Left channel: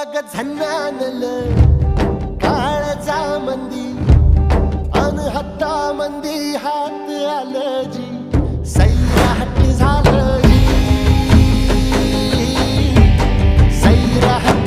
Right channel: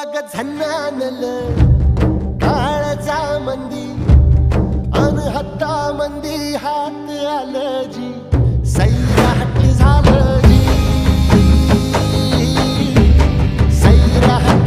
अग झन्नानल काळजा मंदी अन हत्ता मंदी हात आलं जी सैराट झालं जी सैराट